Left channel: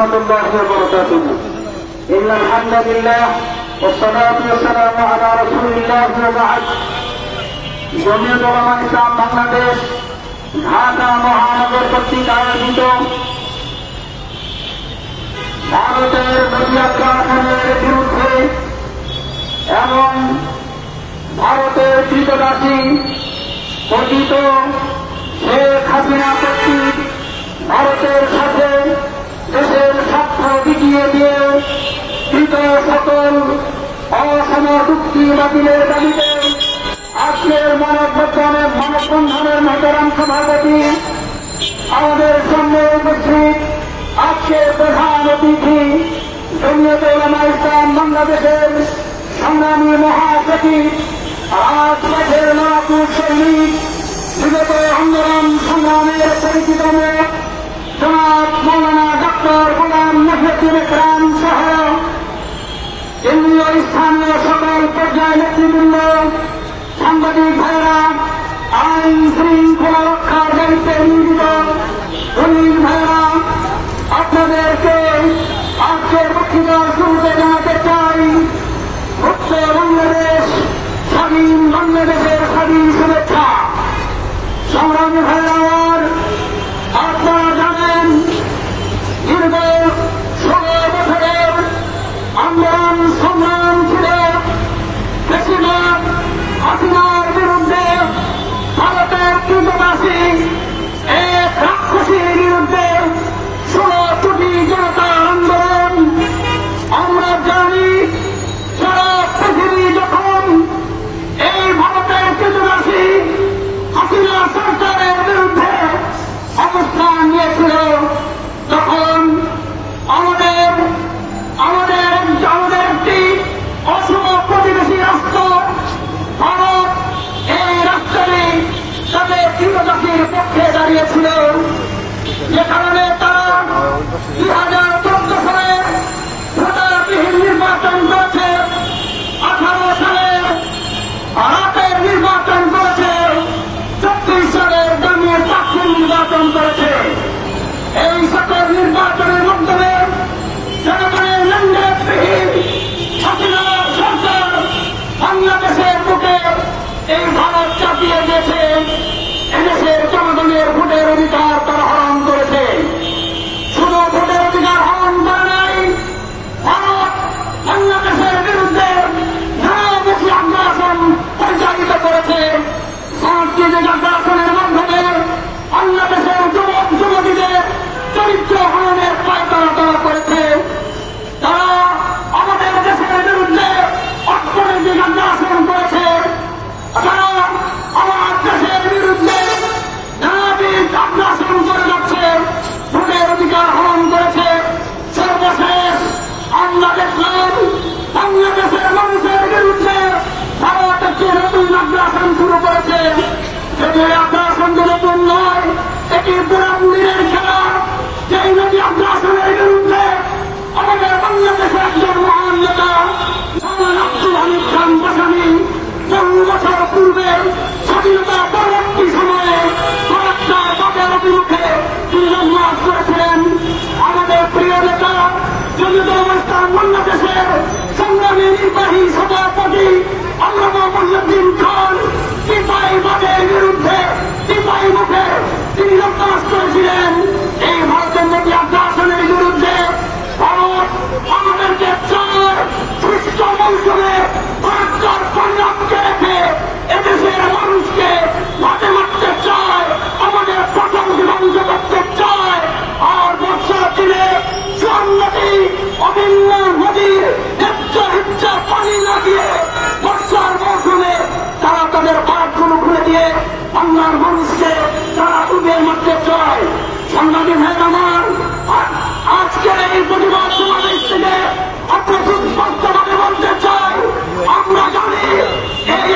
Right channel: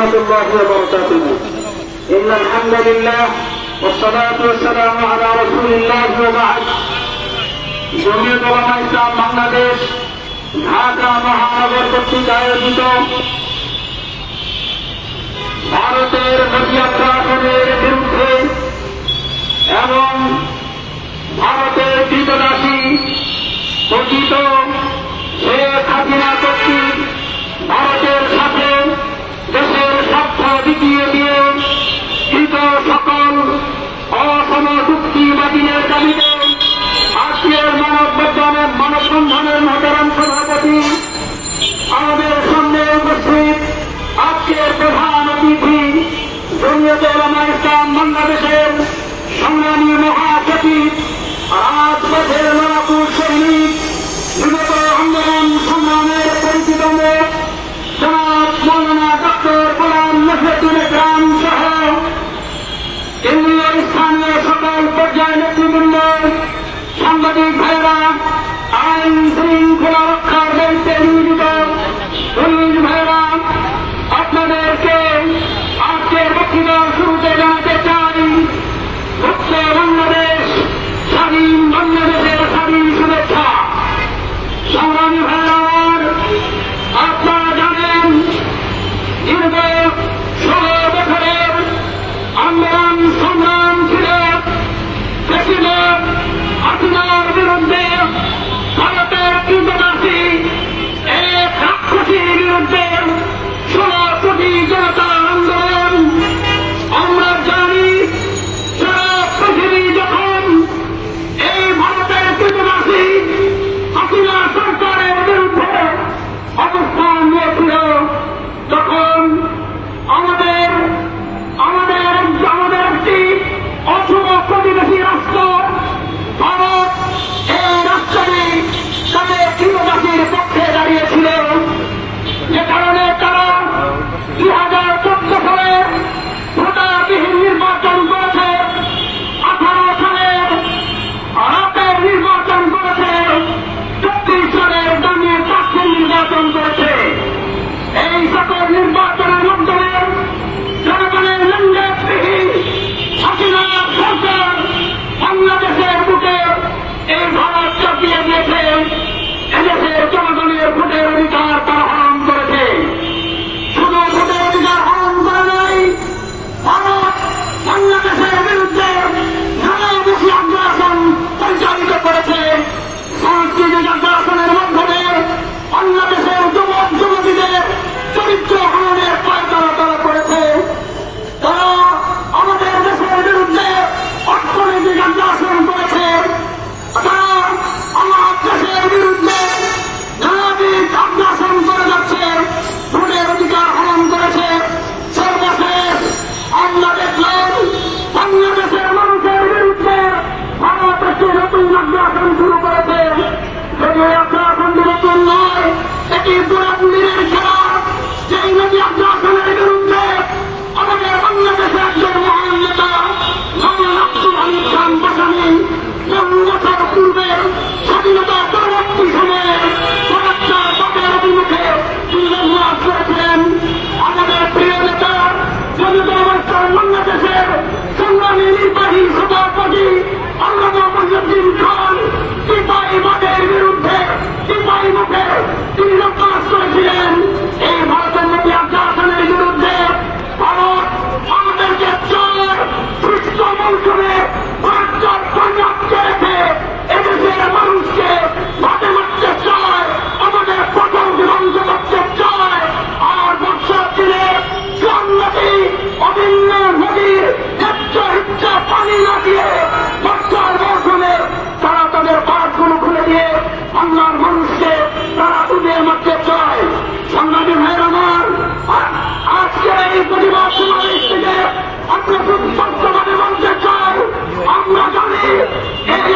الله وبركاته. إن الحمد لله والصلاة والسلام على رسول الله وبعد. জমিয়ত উলামা ইসলাম বাংলাদেশ ঢাকা মহানগর কর্তৃক আয়োজিত ভারতের মিডিয়াকরণের বিরুদ্ধে এবং ভারতের কৃতদাসী কথিত শেখ হাসিনা কর্তৃক ভারতের সাথে দেশের স্বার্থ বিকিয়ে দিয়ে কৃত সকল অসম চুক্তি বাতিলের দাবিতে আজকের মানববন্ধনের মহতরম সভাপতি আমাদের সামনে উপস্থিত আজকের প্রধান অতিথি জমিয়ত উলামা ইসলাম বাংলাদেশের সংগ্রামী মহাসচিব রাজপথের মারাপুর সৈনিক বিগত আন্দোলন সংগ্রামের পরিচিত জনাব মৌলানা ডক্টর গোলাম মুজাহিদুল ইসলাম সহ কেন্দ্রীয় স্থানীয় সকল পর্যায় নেতৃবৃন্দ, সাংবাদিক ভাইরা, আইন শৃঙ্খলা রক্ষার দায়িত্বে নিয়োজিত পুলিশ ভাইরা, আপনাদেরকে আজকের বক্তৃতা শুরুতে জানাতে চাই মুক্ত বাংলাদেশ, স্বাধীন বাংলাদেশের স্বাধীন শুভেচ্ছা। সংগ্রামী ভাইরা, আপনারা জানেন দীর্ঘ 16 বছরের আন্দোলন সংগ্রাম ছিল প্রেসিডেন্ট হাসিনার বিরুদ্ধে ভারতের কৃতদাসী এক রাক্ষসীর বিরুদ্ধে 16 কোটি জনতার আন্দোলন। আমরা জানি সারা পৃথিবী যখন এই ভারতের কৃতদাসী হাসিনা সরকারের বিরুদ্ধে অবস্থান নিয়েছিল, তখন আমাদের একটি অশুভ প্রতিবেশী রাষ্ট্র ভারত এই রাষ্ট্রটি তাদের কৃতদাসীর পক্ষে দাঁড়িয়েছিল, যে কারণে তারা 2014 সালে ভোটারবিহীন নির্বাচন করেছে, 18 সালে রাতের নির্বাচন করেছে, 36 সালের দামে চাকরি নির্বাচন করেছে। এই সকল নির্বাচনের মাধ্যমে জনগণের লেনদেনবিহীন হাসিনার সরকার বাংলাদেশের বুকে এই ভারত চাপিয়ে দিয়েছে। এদেশের জনগণের ভোটের অধিকার তারা হরণ করেছে। শুধু ভোটের অধিকার হরণ করে নাই, ভারত বাংলাদেশের বিরুদ্ধে নানামুখী আগ্রাসন পরিচালিত করেছে। সাংস্কৃতিক আগ্রাসনের মাধ্যমে বাংলাদেশের যুবক যুবতীদের চরিত্র হরণের পায়তারা করেছে। তারা আমাদের দেশের বিরুদ্ধে অর্থনৈতিক আগ্রাসন করেছে। তারা আমার দেশের বিরুদ্ধে নানাবিধ আগ্রাসন করে যাচ্ছে, ভোটের অধিকার হরণ করেছে। সর্বশেষ আমরা দেখলাম বাংলাদেশের মানুষের বিরুদ্ধে ভারত একটি নতুন আগ্রাসন শুরু করেছে। যদি আগ্রাসনটি নতুন নয়, এটি পুরাপুরির খেলা। যেই নদী আগ্রাসনের বিরুদ্ধে আমাদের বাংলাদেশের একজন মহান নেতা আমার আব্দুল হামিদ খান বাসানি 15 বছর পূর্বে স্বাধীনতা পরবর্তী সময়ে ফরাক্কার বাজার অভিমুখে তিনি জন্মগ্রহণ করেছিলেন। আমাদের প্রিয় নেতা জমিয়ত উলামা ইসলাম বাংলাদেশের সংগ্রামী নির্বাহী সভাপতি আল্লামা মহিউদ্দিন খান সিপাহীবাগের বিরুদ্ধে সিপাহীমুখে তিনি রক্তপাত করেছিলেন। এই ভারতের নদী আগ্রাসনের বিরুদ্ধে ভারত আমাদেরকে চায় গ্রীষ্ম মৌসুমে ফরাক্কার পাঞ্জাবকে রেখে এদেশের মানুষকে মাঠে মারতে চায়, আমাদের ফসল ধ্বংস করতে চায়। আর বর্ষার দিনে চুয়ান্নটি অভিন্ন নদীর হেচ্ছা পানি না দিয়ে বর্ষার মৌসুমে তারা তাদের বাঁধগুলো খুলে দিয়ে বাংলার মানুষকে তারা ডুবে মারতে চায়। সাংবাদিক ভাইয়ের আমার, আজকে এই প্রতিবাদ সমাবেশ থেকে আপনার সুস্পষ্টভাবে বলতে চাই, আমরা জানি এই